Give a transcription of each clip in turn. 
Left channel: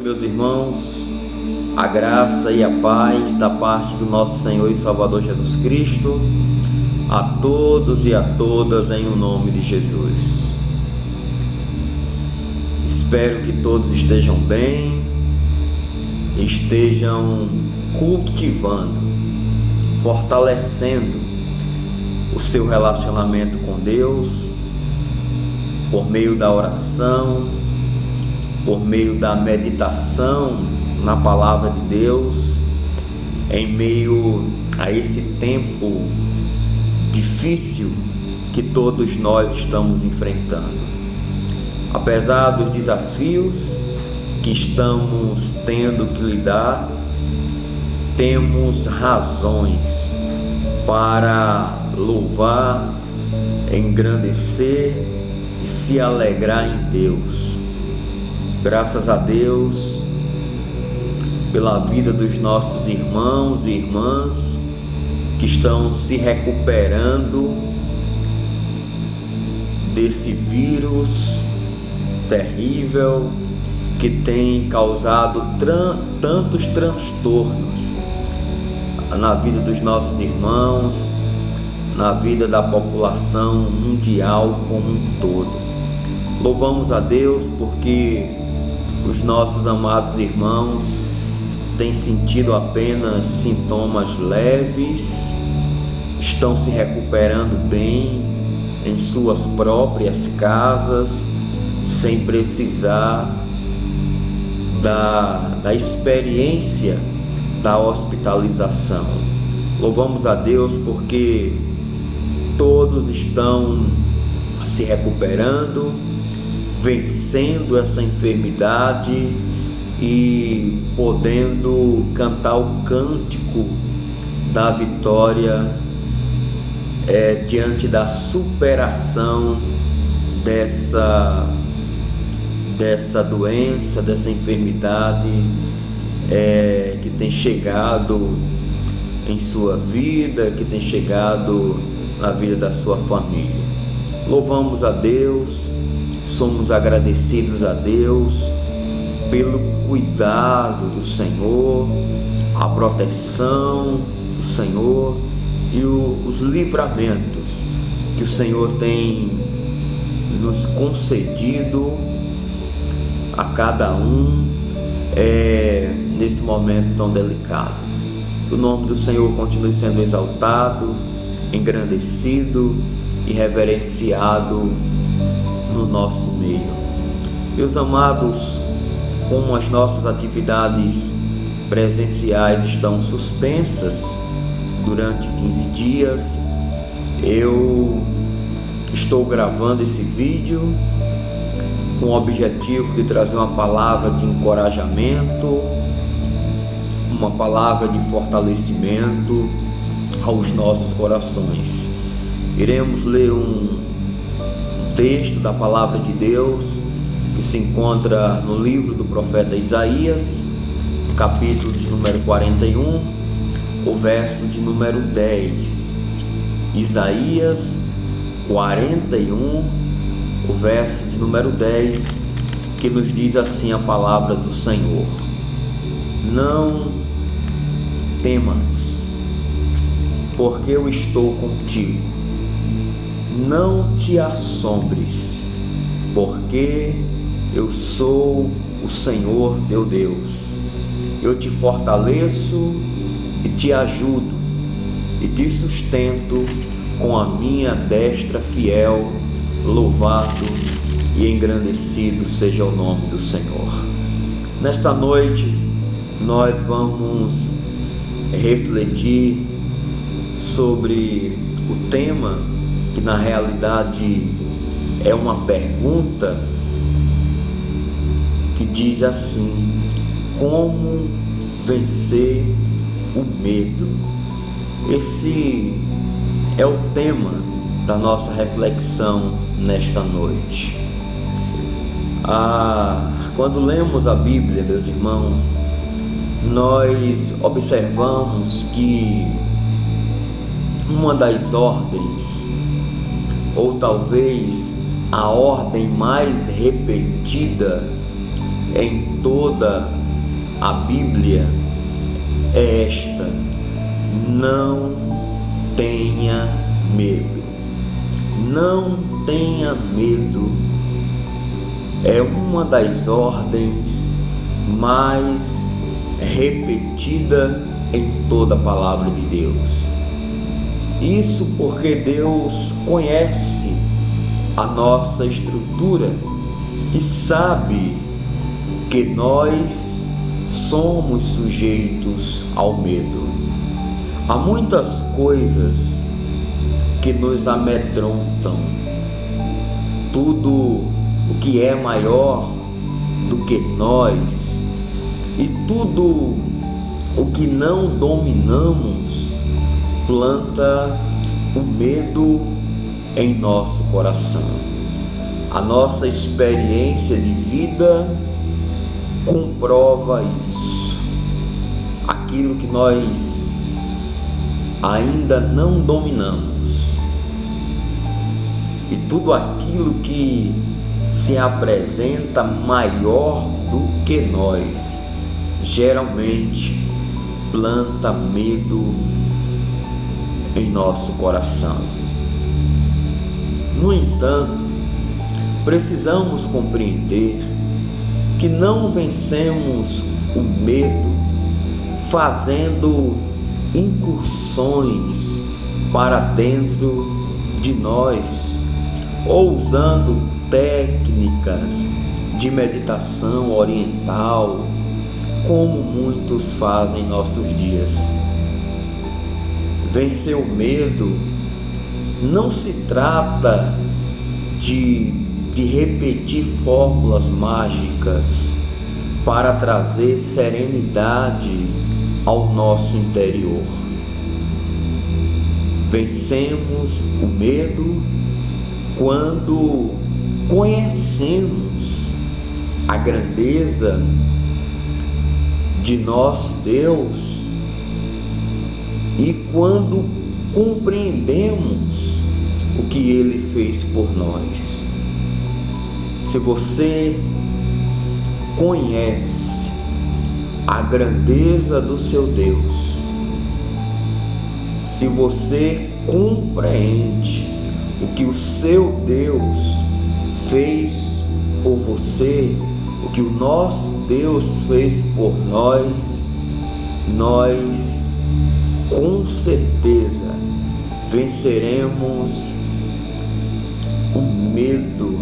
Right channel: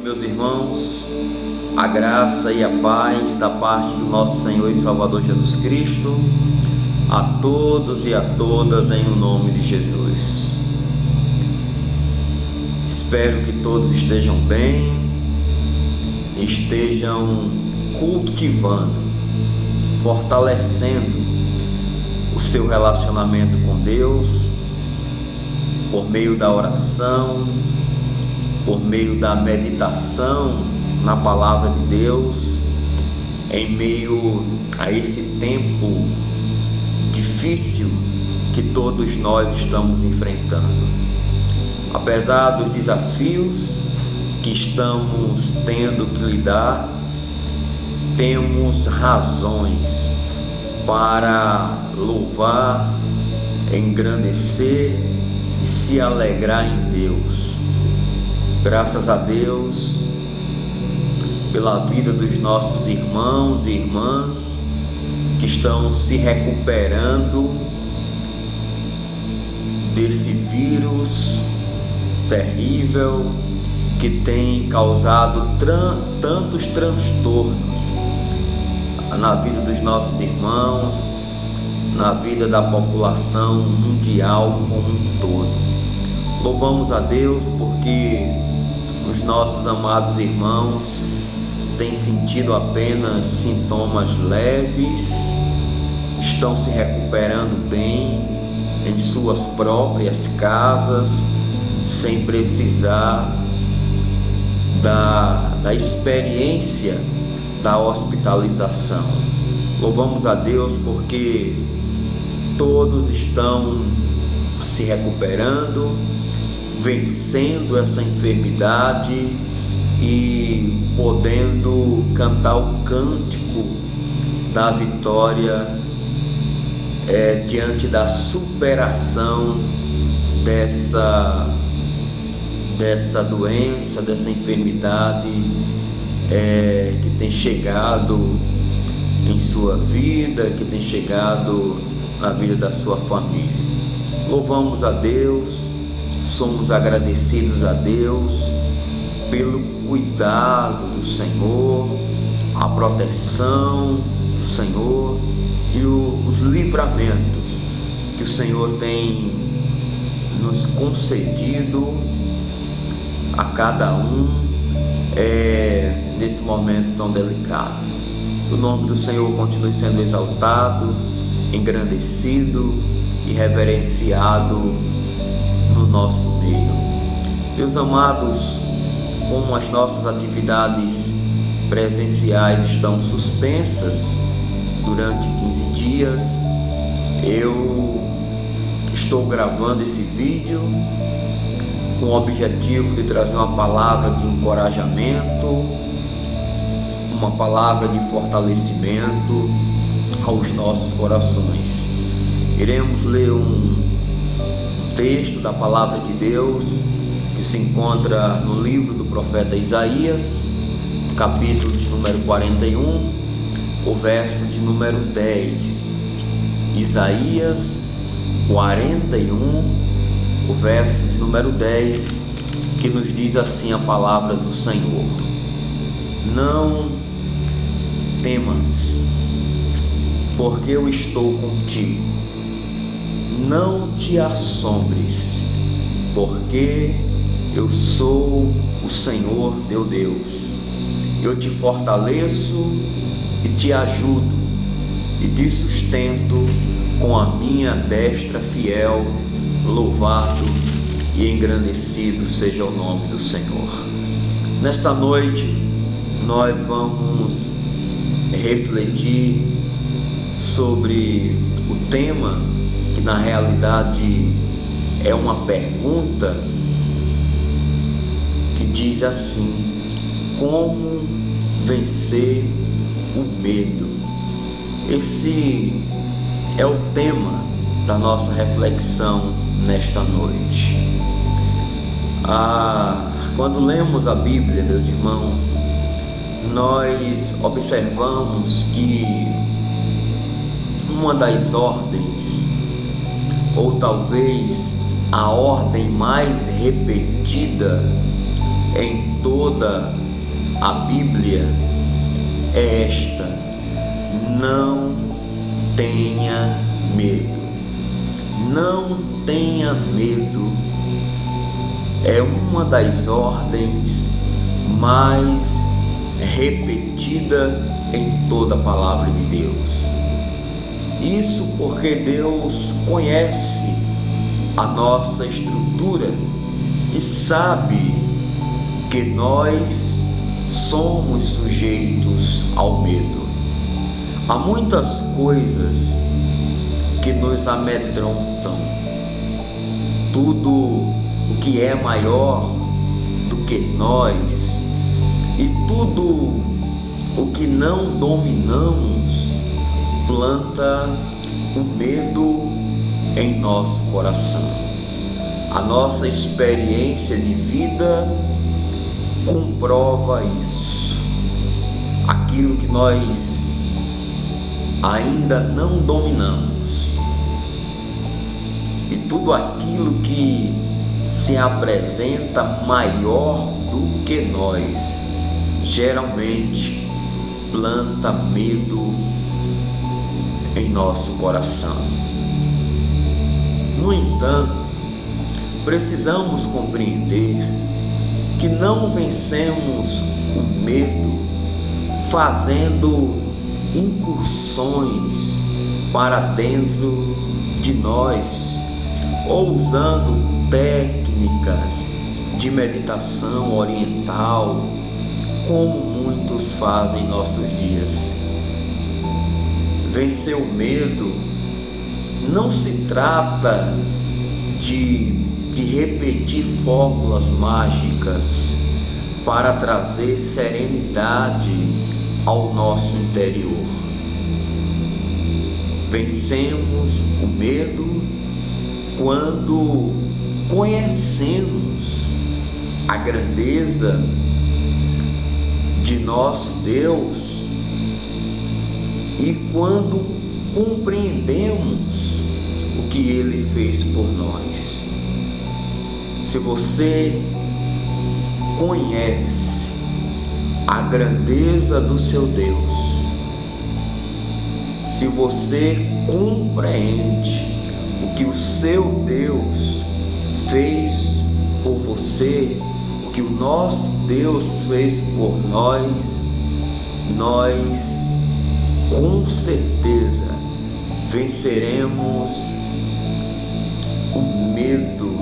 Meus irmãos, a graça e a paz da parte do nosso Senhor e Salvador Jesus Cristo a todos e a todas em o nome de Jesus. Espero que todos estejam bem, estejam cultivando, fortalecendo o seu relacionamento com Deus por meio da oração, por meio da meditação na palavra de Deus, em meio a esse tempo difícil que todos nós estamos enfrentando. Apesar dos desafios que estamos tendo que lidar, temos razões para louvar, engrandecer e se alegrar em Deus. Graças a Deus pela vida dos nossos irmãos e irmãs que estão se recuperando desse vírus terrível que tem causado tantos transtornos na vida dos nossos irmãos, na vida da população mundial como um todo. Louvamos a Deus porque os nossos amados irmãos têm sentido apenas sintomas leves, estão se recuperando bem em suas próprias casas, sem precisar da experiência da hospitalização. Louvamos a Deus porque todos estão se recuperando, vencendo essa enfermidade e podendo cantar o cântico da vitória diante da superação dessa doença, dessa enfermidade que tem chegado em sua vida, que tem chegado na vida da sua família. Louvamos a Deus, somos agradecidos a Deus pelo cuidado do Senhor, a proteção do Senhor e os livramentos que o Senhor tem nos concedido a cada um nesse momento tão delicado. O nome do Senhor continue sendo exaltado, engrandecido e reverenciado no nosso meio. Meus amados, como as nossas atividades presenciais estão suspensas durante 15 dias, eu estou gravando esse vídeo com o objetivo de trazer uma palavra de encorajamento, uma palavra de fortalecimento aos nossos corações. Iremos ler um texto da palavra de Deus que se encontra no livro do profeta Isaías, capítulo de número 41, o verso de número 10. Isaías 41, o verso de número 10, que nos diz assim a palavra do Senhor: não temas, porque eu estou contigo. Não te assombres, porque eu sou o Senhor teu Deus. Eu te fortaleço e te ajudo e te sustento com a minha destra fiel. Louvado e engrandecido seja o nome do Senhor. Nesta noite nós vamos refletir sobre o tema que na realidade é uma pergunta que diz assim: como vencer o medo? Esse é o tema da nossa reflexão nesta noite. Quando lemos a Bíblia, meus irmãos, nós observamos que uma das ordens, ou talvez a ordem mais repetida, em toda a Bíblia é esta: não tenha medo. Não tenha medo é uma das ordens mais repetida em toda a palavra de Deus. Isso porque Deus conhece a nossa estrutura e sabe que nós somos sujeitos ao medo. Há muitas coisas que nos amedrontam. Tudo o que é maior do que nós e tudo o que não dominamos planta o medo em nosso coração. A nossa experiência de vida comprova isso. Aquilo que nós ainda não dominamos e tudo aquilo que se apresenta maior do que nós geralmente planta medo em nosso coração. No entanto, precisamos compreender que não vencemos o medo fazendo incursões para dentro de nós ou usando técnicas de meditação oriental, como muitos fazem em nossos dias. Vencer o medo não se trata de repetir fórmulas mágicas para trazer serenidade ao nosso interior. Vencemos o medo quando conhecemos a grandeza de nosso Deus e quando compreendemos o que Ele fez por nós. Se você conhece a grandeza do seu Deus, se você compreende o que o seu Deus fez por você, o que o nosso Deus fez por nós, nós com certeza venceremos o medo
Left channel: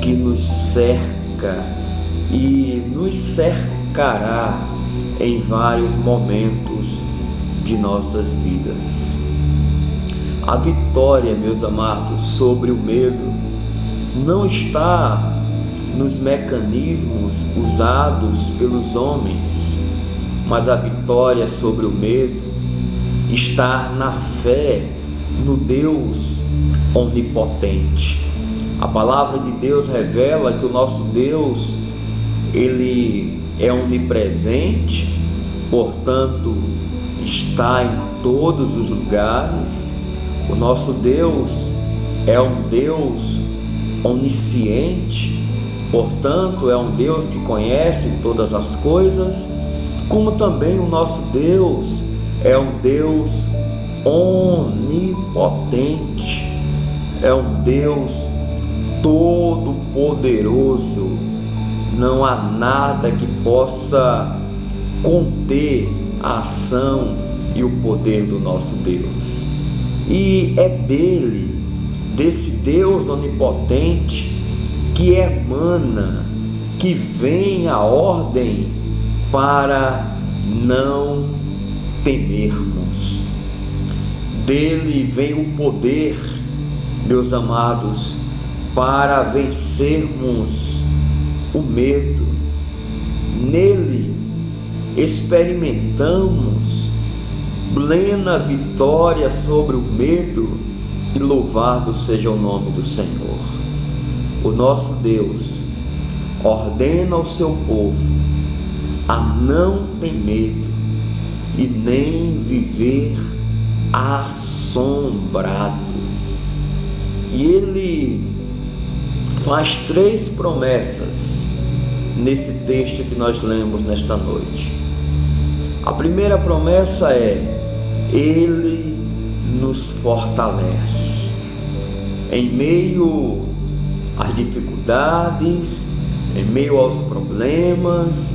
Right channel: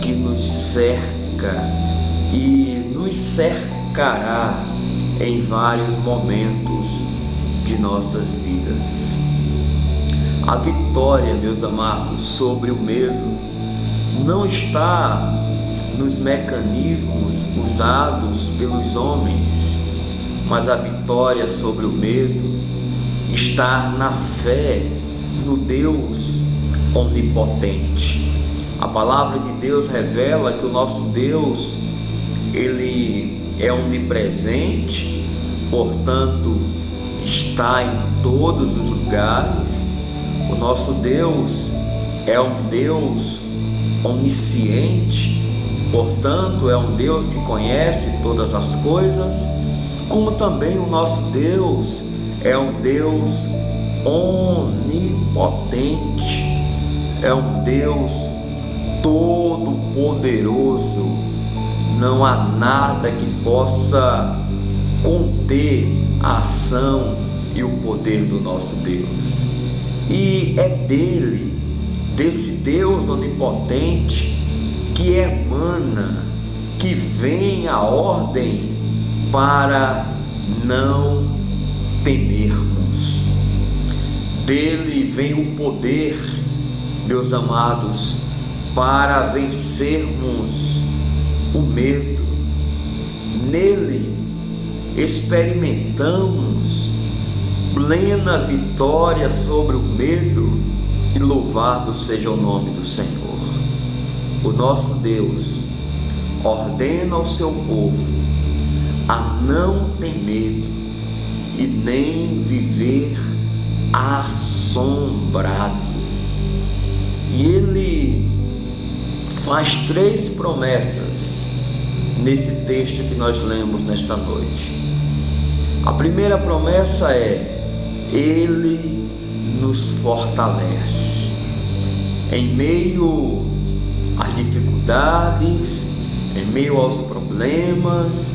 que nos cerca e nos cercará em vários momentos de nossas vidas. A vitória, meus amados, sobre o medo não está nos mecanismos usados pelos homens, mas a vitória sobre o medo está na fé no Deus onipotente. A palavra de Deus revela que o nosso Deus, Ele é onipresente, portanto, está em todos os lugares. O nosso Deus é um Deus onisciente, portanto, é um Deus que conhece todas as coisas, como também o nosso Deus é um Deus onipotente, é um Deus todo-poderoso. Não há nada que possa conter a ação e o poder do nosso Deus. E é desse Deus onipotente, que emana, que vem a ordem para não temermos. Dele vem o poder, meus amados, para vencermos o medo. Nele experimentamos plena vitória sobre o medo, e louvado seja o nome do Senhor. O nosso Deus ordena ao seu povo a não ter medo e nem viver assombrado. E Ele faz 3 promessas nesse texto que nós lemos nesta noite. A primeira promessa é: Ele nos fortalece em meio às dificuldades, em meio aos problemas,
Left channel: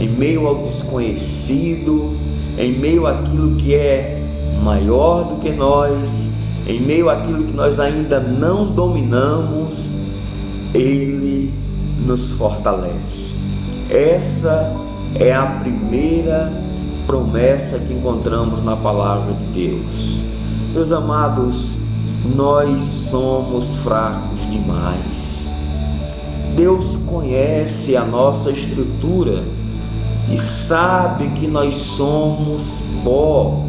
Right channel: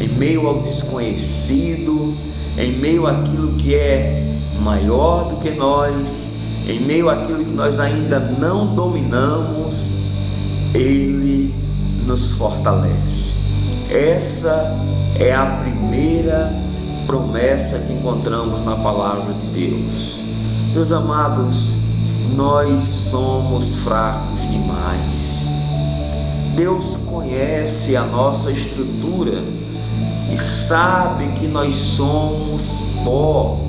em meio ao desconhecido, em meio àquilo que é maior do que nós, em meio àquilo que nós ainda não dominamos. Ele nos fortalece. Essa é a primeira promessa que encontramos na palavra de Deus. Meus amados, nós somos fracos demais. Deus conhece a nossa estrutura e sabe que nós somos pó.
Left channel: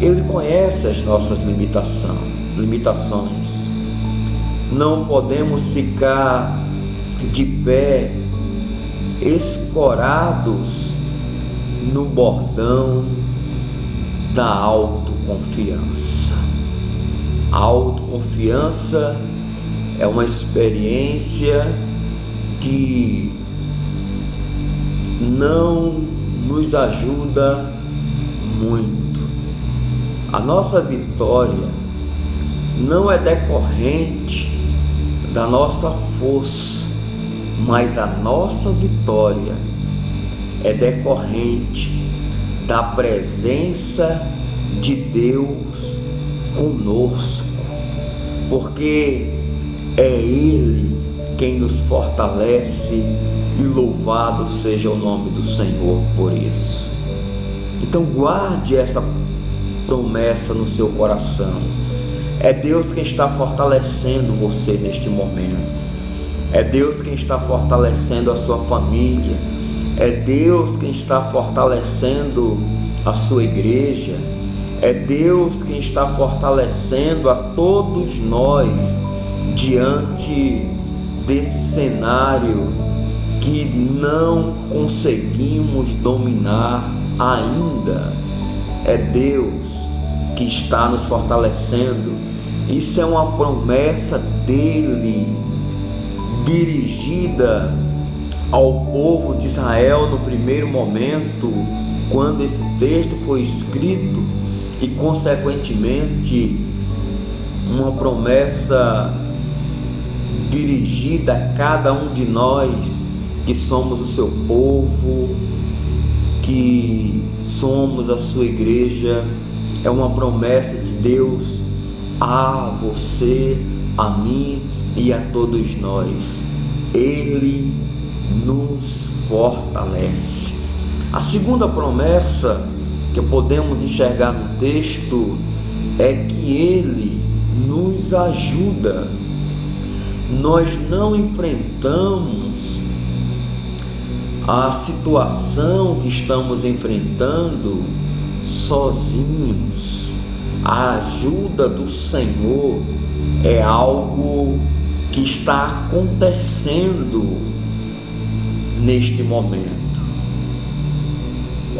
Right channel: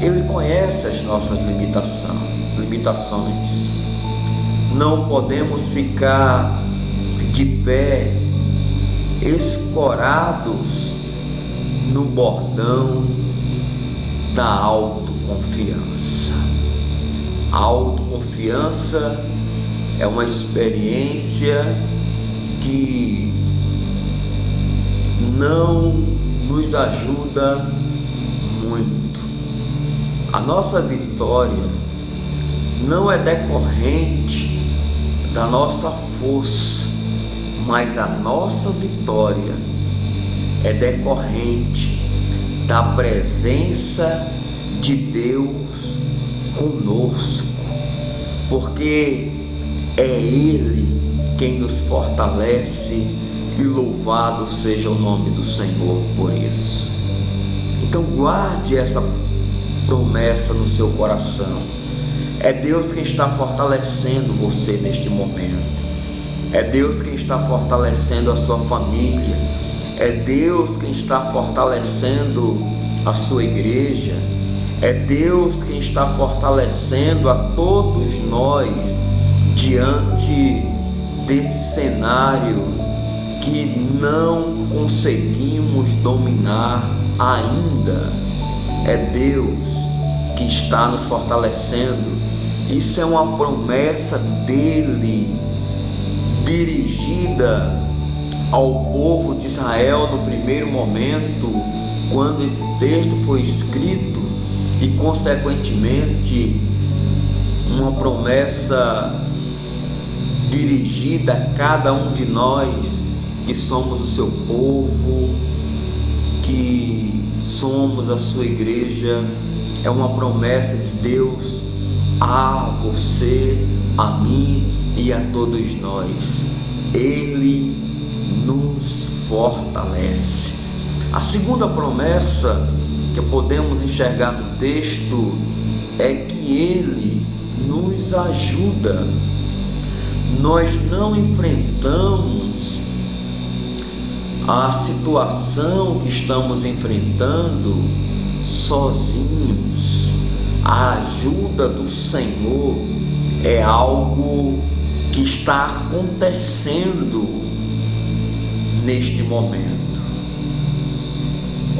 Ele conhece as nossas limitações. Não podemos ficar de pé, escorados no bordão da autoconfiança. A autoconfiança é uma experiência que não nos ajuda muito. A nossa vitória não é decorrente da nossa força, mas a nossa vitória é decorrente da presença de Deus conosco, porque é Ele quem nos fortalece, e louvado seja o nome do Senhor por isso. Então guarde essa promessa no seu coração. É Deus quem está fortalecendo você neste momento. É Deus quem está fortalecendo a sua família. É Deus quem está fortalecendo a sua igreja. É Deus quem está fortalecendo a todos nós diante desse cenário que não conseguimos dominar ainda. É Deus que está nos fortalecendo. Isso é uma promessa dele, dirigida ao povo de Israel no primeiro momento, quando esse texto foi escrito, e consequentemente uma promessa dirigida a cada um de nós que somos o seu povo, que somos a sua igreja. É uma promessa de Deus a você, a mim e a todos nós. Ele nos fortalece. A segunda promessa que podemos enxergar no texto é que Ele nos ajuda. Nós não enfrentamos a situação que estamos enfrentando sozinhos. A ajuda do Senhor é algo que está acontecendo neste momento.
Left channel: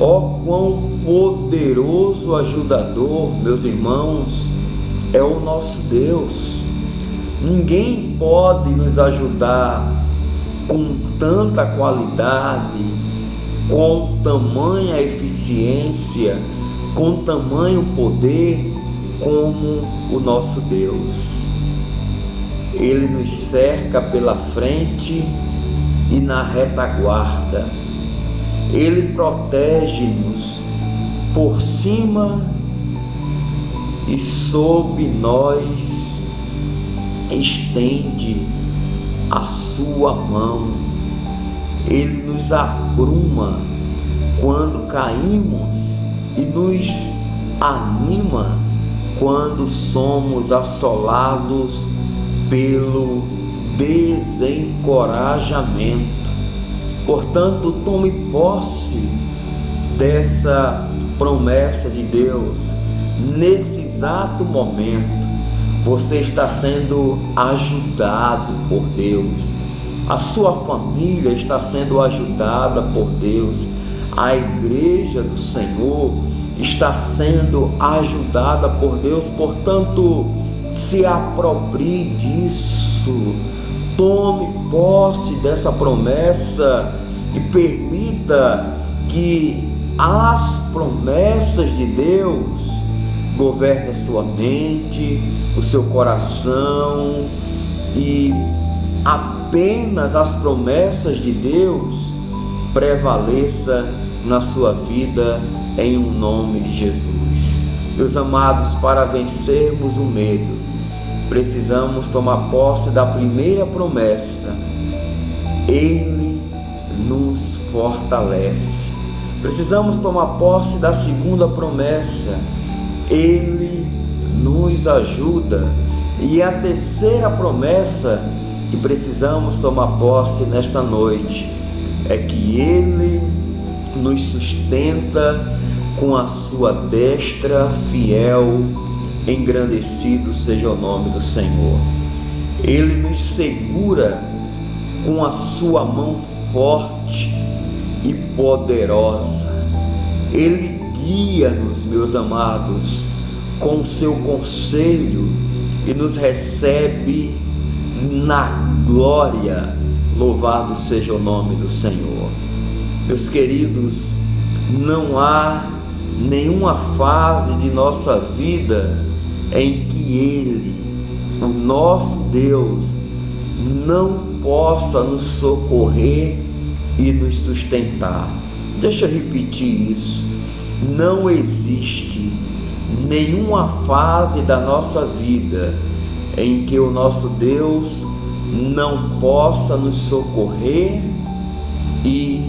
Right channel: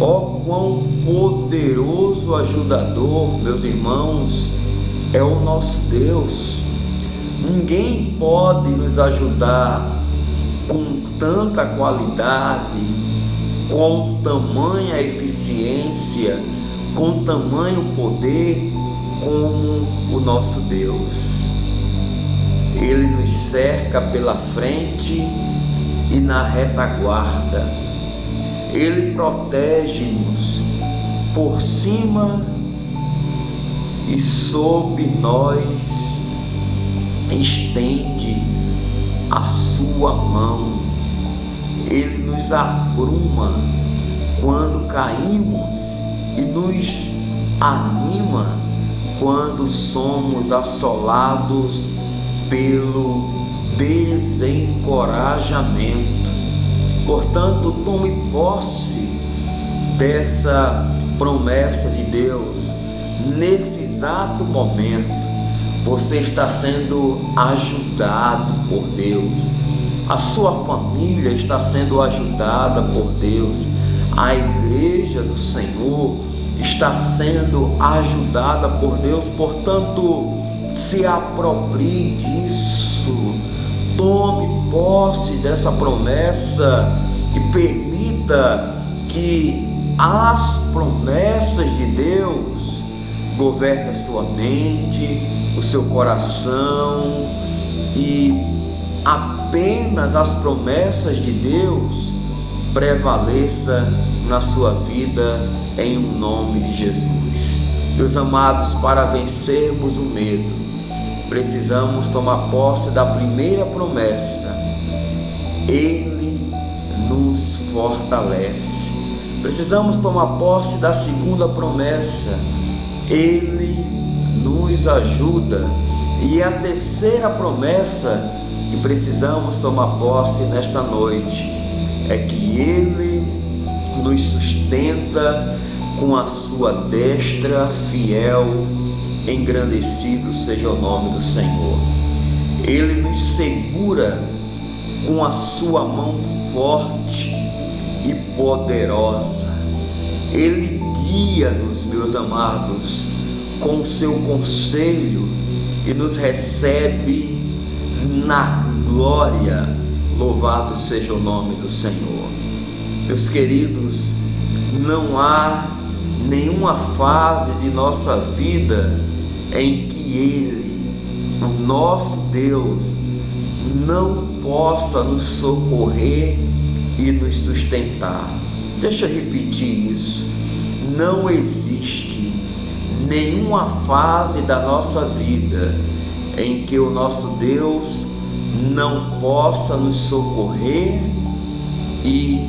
Ó, quão poderoso ajudador, meus irmãos, é o nosso Deus. Ninguém pode nos ajudar com tanta qualidade, com tamanha eficiência, com tamanho poder como o nosso Deus. Ele nos cerca pela frente e na retaguarda. Ele protege-nos por cima e sob nós estende a sua mão. Ele nos apruma quando caímos e nos anima quando somos assolados pelo desencorajamento. Portanto, tome posse dessa promessa de Deus. Nesse exato momento, você está sendo ajudado por Deus. A sua família está sendo ajudada por Deus. A igreja do Senhor está sendo ajudada por Deus. Portanto, se aproprie disso. tome posse dessa promessa e permita que as promessas de Deus governem a sua mente, o seu coração, e apenas as promessas de Deus prevaleça na sua vida, em um nome de Jesus. Meus amados, para vencermos o medo, precisamos tomar posse da primeira promessa: Ele nos fortalece. Precisamos tomar posse da segunda promessa: Ele nos ajuda. E a terceira promessa que precisamos tomar posse nesta noite é que Ele nos sustenta com a sua destra fiel. Engrandecido seja o nome do Senhor. Ele nos segura com a sua mão forte e poderosa. Ele guia-nos, meus amados, com o seu conselho e nos recebe na glória. Louvado seja o nome do Senhor. Meus queridos, não há nenhuma fase de nossa vida em que Ele, o nosso Deus, não possa nos socorrer e nos sustentar. Deixa eu repetir isso. Não existe nenhuma fase da nossa vida em que o nosso Deus não possa nos socorrer e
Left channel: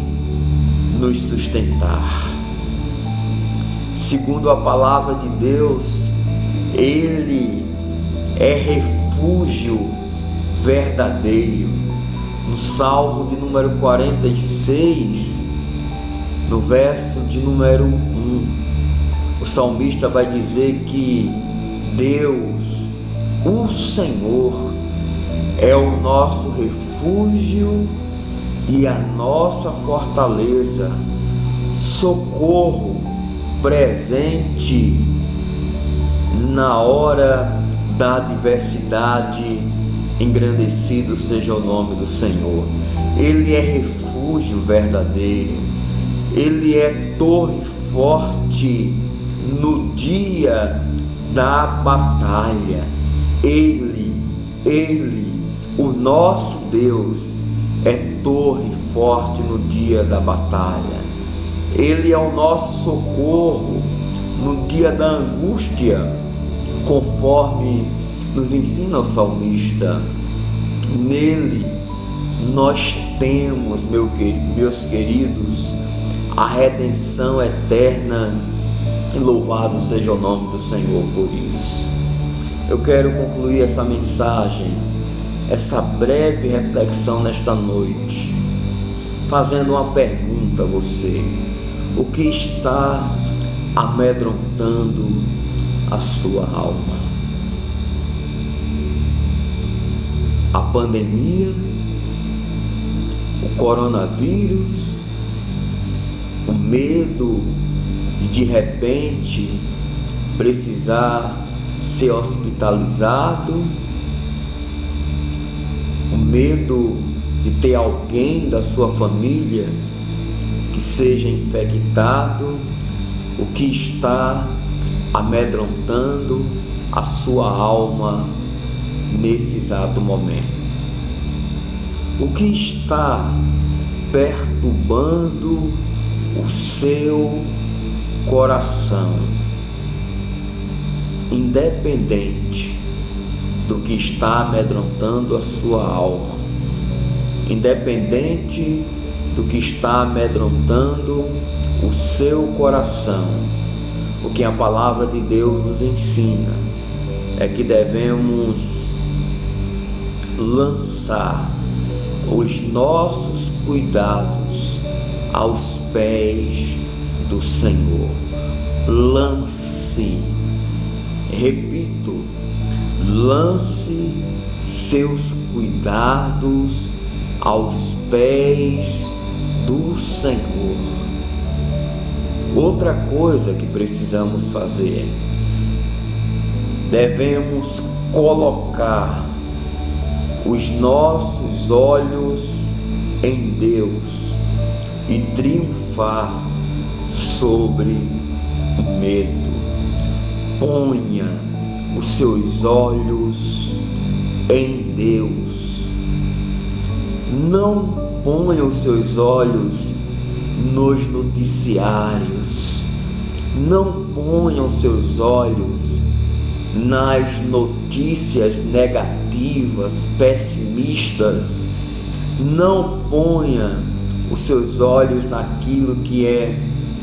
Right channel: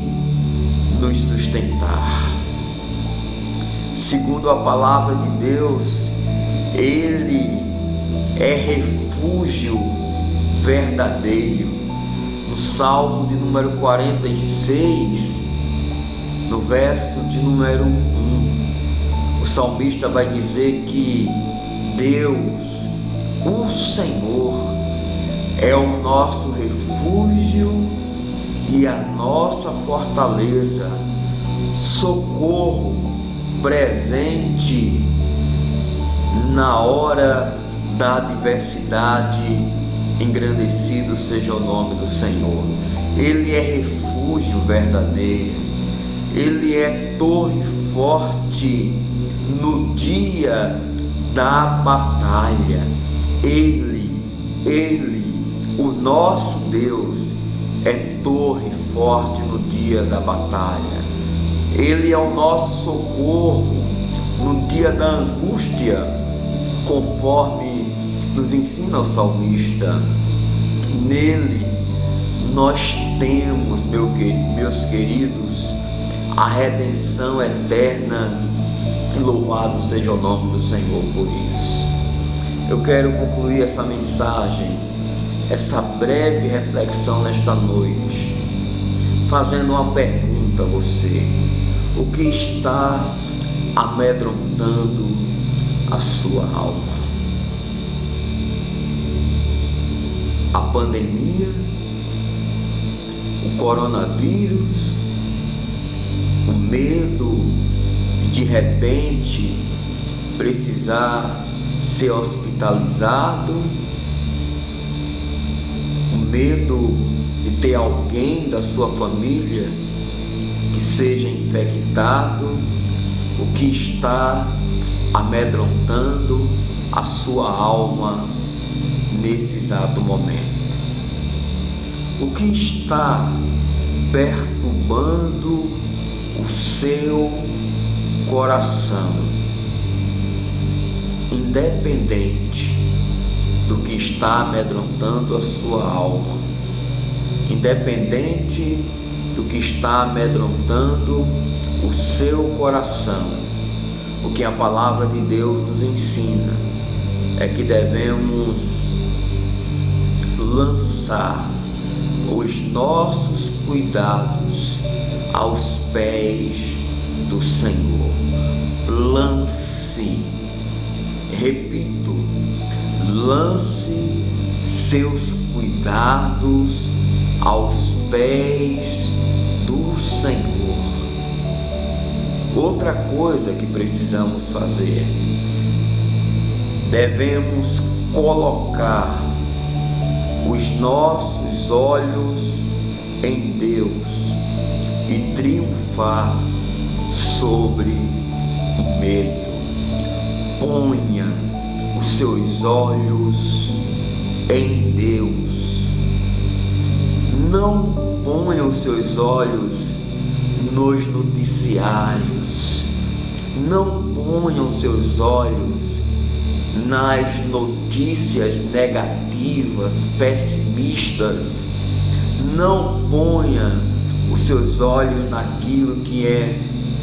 nos sustentar. Segundo a palavra de Deus, Ele é refúgio verdadeiro. No Salmo de número 46, no verso de número 1, o salmista vai dizer que Deus, o Senhor, é o nosso refúgio e a nossa fortaleza, socorro presente na hora da adversidade. Engrandecido seja o nome do Senhor. Ele é refúgio verdadeiro. Ele é torre forte no dia da batalha. Ele, o nosso Deus, é torre forte no dia da batalha. Ele é o nosso socorro no dia da angústia, conforme nos ensina o salmista. Nele nós temos, meus queridos, a redenção eterna, e louvado seja o nome do Senhor por isso. Eu quero concluir essa mensagem, essa breve reflexão nesta noite, fazendo uma pergunta a você: o que está amedrontando a sua alma? A pandemia, o coronavírus, o medo de repente precisar ser hospitalizado, o medo de ter alguém da sua família que seja infectado. O que está amedrontando a sua alma nesse exato momento? O que está perturbando o seu coração? Independente do que está amedrontando a sua alma, independente do que está amedrontando o seu coração, o que a palavra de Deus nos ensina é que devemos lançar os nossos cuidados aos pés do Senhor. Lance, repito, lance seus cuidados aos pés do Senhor. Outra coisa que precisamos fazer: devemos colocar os nossos olhos em Deus e triunfar sobre o medo. Ponha os seus olhos em Deus. Não ponha os seus olhos nos noticiários. Não ponha os seus olhos nas notícias negativas, pessimistas. Não ponha os seus olhos naquilo que é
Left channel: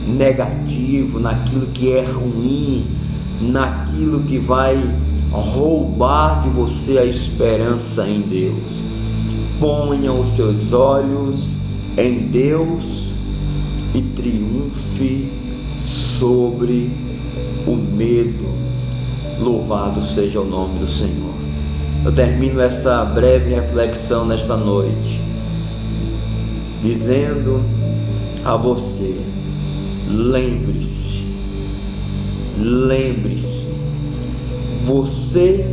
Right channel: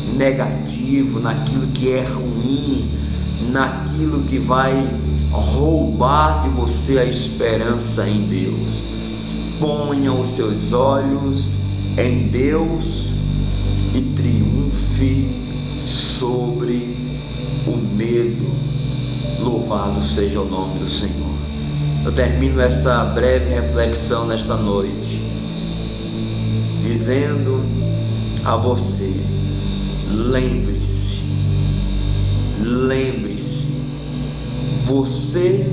negativo, naquilo que é ruim, naquilo que vai roubar de você a esperança em Deus. Ponha os seus olhos em Deus e triunfe sobre o medo. Louvado seja o nome do Senhor. Eu termino essa breve reflexão nesta noite dizendo a você: lembre-se, você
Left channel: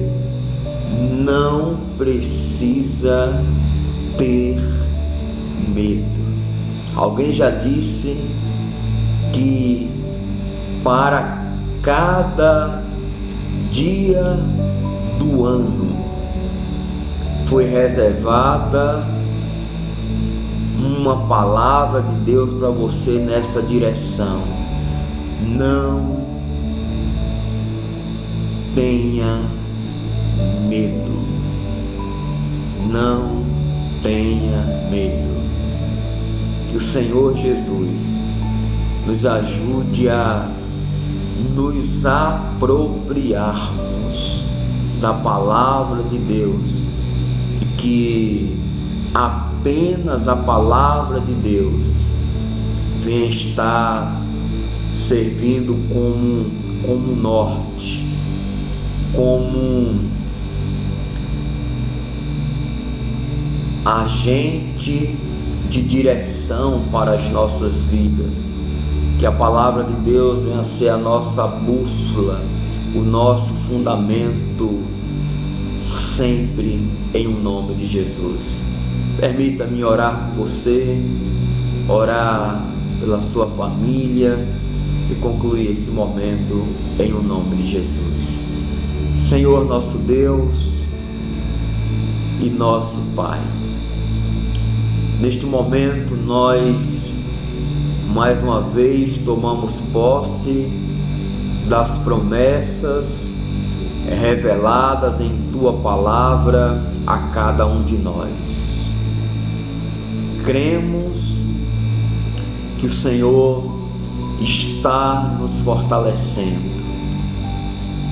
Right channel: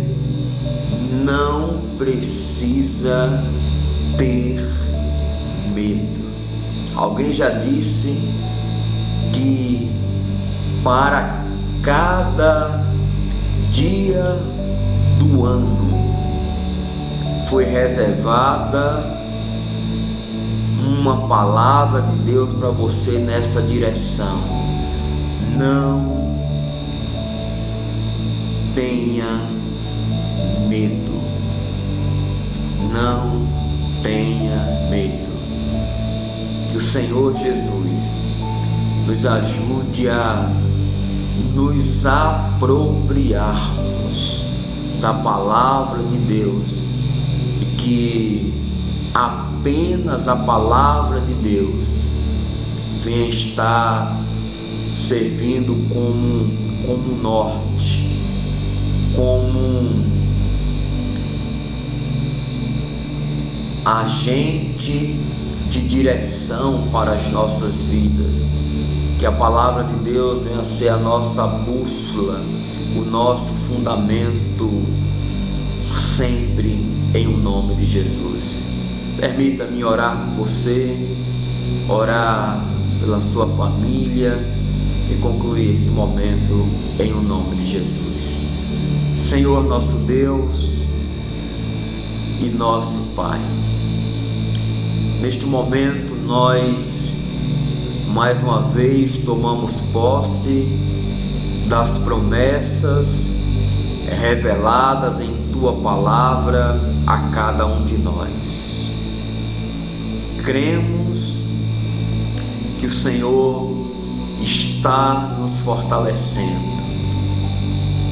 não precisa ter medo. Alguém já disse que para cada dia do ano foi reservada uma palavra de Deus para você nessa direção. Não tenha medo. Não tenha medo. Que o Senhor Jesus nos ajude a nos apropriarmos da palavra de Deus e que apenas a palavra de Deus venha estar servindo como norte, como agente de direção para as nossas vidas. Que a palavra de Deus venha ser a nossa bússola, o nosso fundamento, sempre em o nome de Jesus. Permita-me orar por você, orar pela sua família e concluir esse momento em o nome de Jesus. Senhor nosso Deus e nosso Pai, neste momento nós mais uma vez tomamos posse das promessas reveladas em Tua palavra a cada um de nós. Cremos que o Senhor está nos fortalecendo.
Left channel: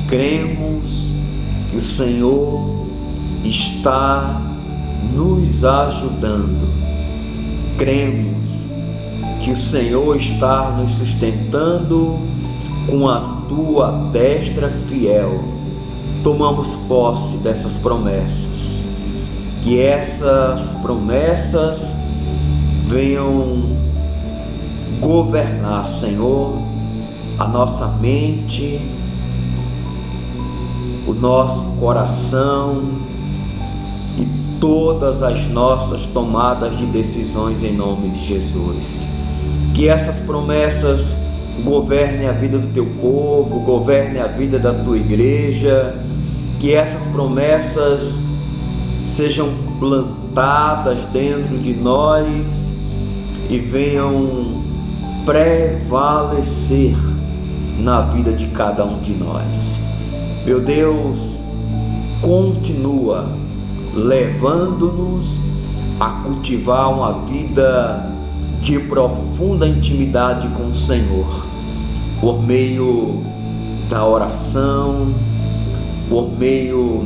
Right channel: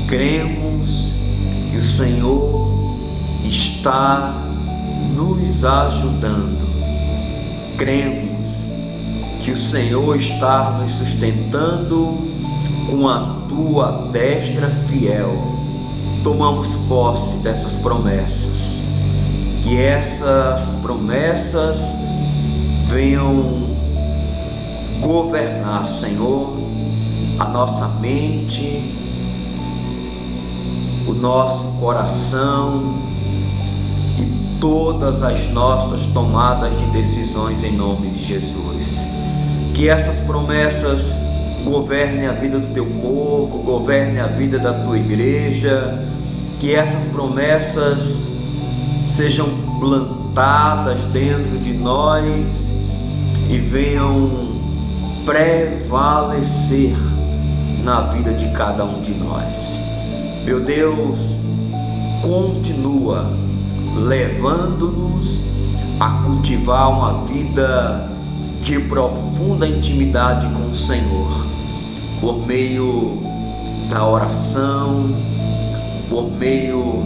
Cremos que o Senhor está nos ajudando. Cremos que o Senhor está nos sustentando com a Tua destra fiel. Tomamos posse dessas promessas. Que essas promessas venham governar, Senhor, a nossa mente, o nosso coração e todas as nossas tomadas de decisões em nome de Jesus. Que essas promessas governem a vida do Teu povo, governem a vida da Tua igreja, que essas promessas sejam plantadas dentro de nós e venham prevalecer na vida de cada um de nós. Meu Deus, continua levando-nos a cultivar uma vida de profunda intimidade com o Senhor, por meio da oração, por meio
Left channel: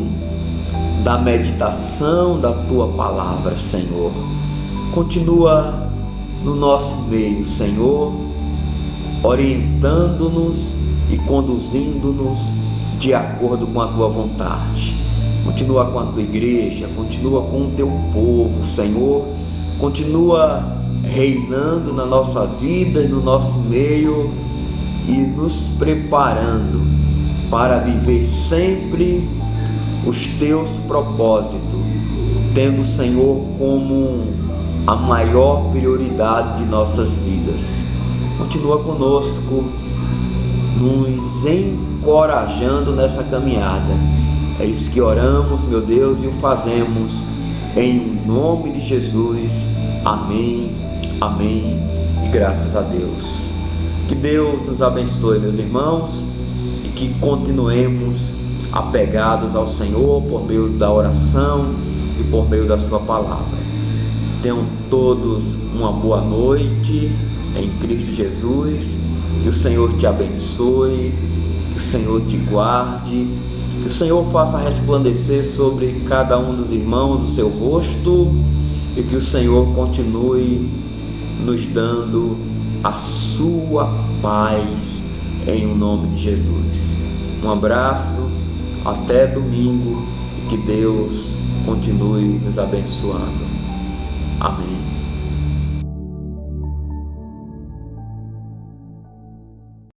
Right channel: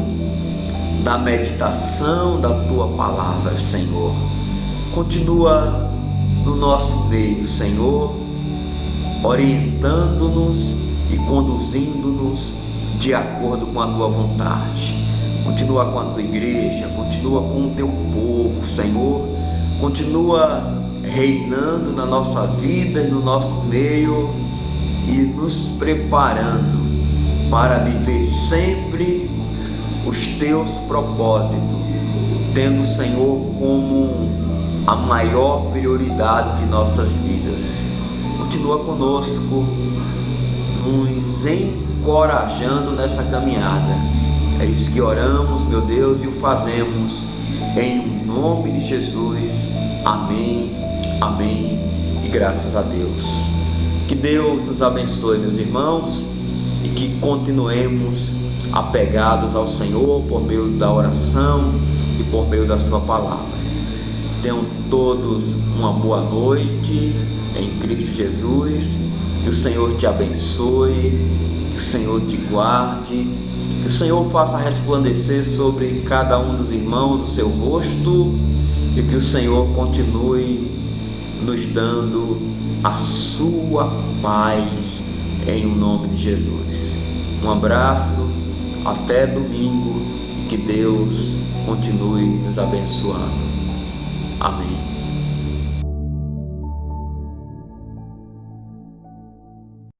da meditação da Tua palavra, Senhor. Continua no nosso meio, Senhor, orientando-nos e conduzindo-nos de acordo com a Tua vontade. Continua com a Tua igreja, continua com o Teu povo, Senhor. Continua reinando na nossa vida e no nosso meio e nos preparando para viver sempre os Teus propósitos tendo o Senhor como a maior prioridade de nossas vidas. Continua conosco, nos encorajando nessa caminhada. É isso que oramos, meu Deus, e o fazemos em nome de Jesus. Amém, amém e graças a Deus. Que Deus nos abençoe, meus irmãos, e que continuemos apegados ao Senhor por meio da oração e por meio da sua palavra. Tenham todos uma boa noite em Cristo Jesus. Que o Senhor te abençoe, que o Senhor te guarde, que o Senhor faça resplandecer sobre cada um dos irmãos o seu rosto e que o Senhor continue nos dando a sua paz em nome de Jesus. Um abraço, até domingo e que Deus continue nos abençoando. Amém.